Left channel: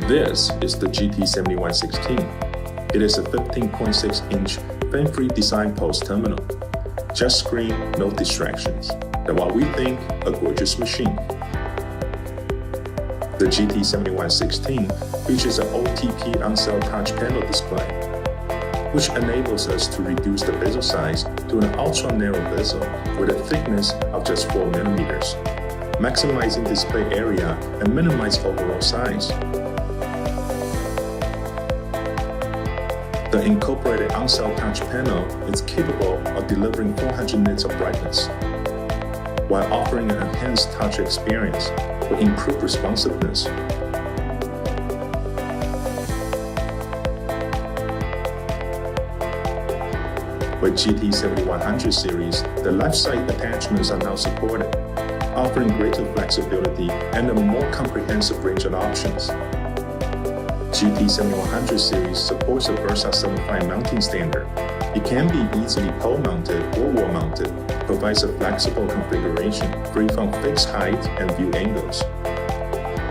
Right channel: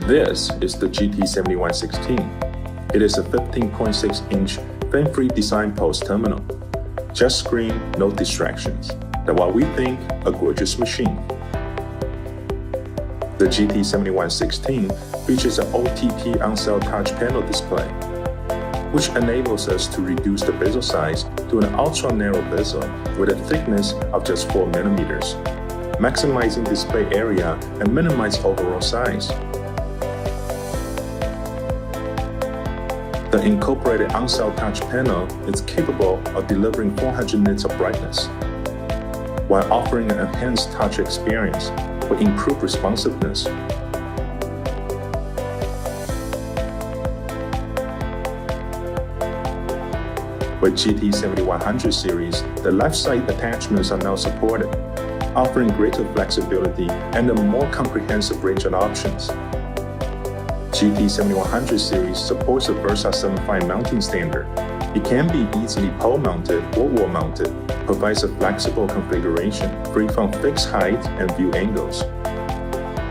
This is the GT-7116. It is a 15.6-inch fan-free design POS terminal. Just screen, no distractions. That's what we think a gorgeous machine. The GT-7116 features an OTP on-cell touch panel display, which enables us to reduce the bezel size to an ultra-narrow bezel with a thickness of just 4 mm, maximizing display area and minimize overall size. The incorporated on-cell touch panel is capable of delivering 400 nits of brightness, while offering an enhanced touch experience with improved responsiveness. With GT-7100 series, the left-side attachments are now supported, offering greater flexibility and a more comprehensive range of options. GT-7100 series supports a Versa 75 mounting standard. It can be easily pole-mounted or wall-mounted, provides a flexible configuration free from fixed height and view angles.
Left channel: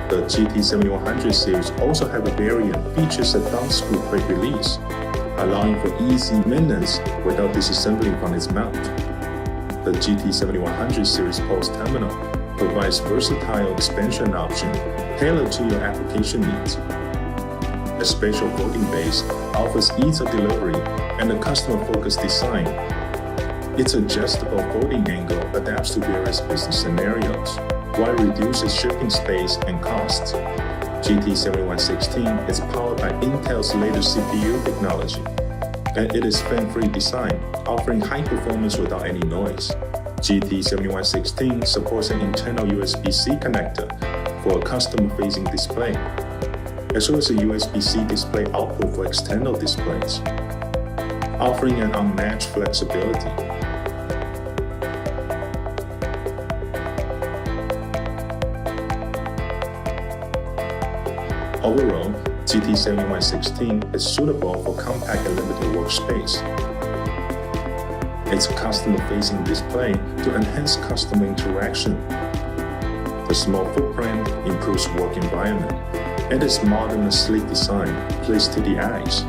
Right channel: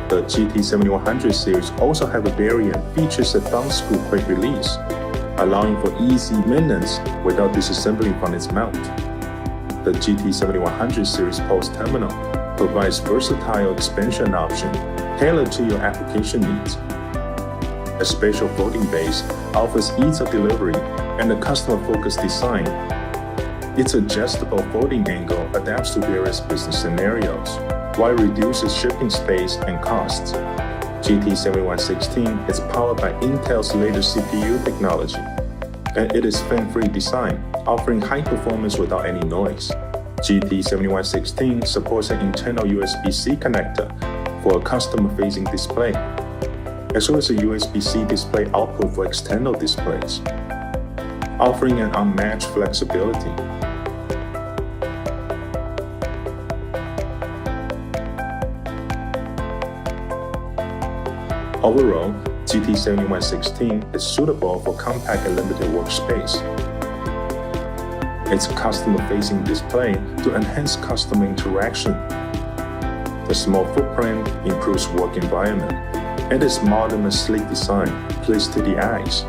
The GT-7100 series also have a variant features a thumb screw quick release, allowing for easy maintenance without disassembling from its mount. The GT-7100 series POS terminal provides versatile expansion option tailored to your application needs. A spatial folding base offers ease of delivery and a customer-focused design. Its adjustable folding angle adapts to various business scenarios, while reduces shipping space and costs. GT-7116 is powered by Intel's latest CPU technology, and it is fan-free design, offering high performance without any noise. GT-7116 supports an internal USB-C connector for a customer-facing display, as well as a USB-C display output for external displays, offering an unmatched flexibility. Overall, GT-7116 is suitable for compact and limited workspace. Its customer-facing display to enhance customer interaction. The small footprint improves work environment, and its modern and sleek design plays to the eyes.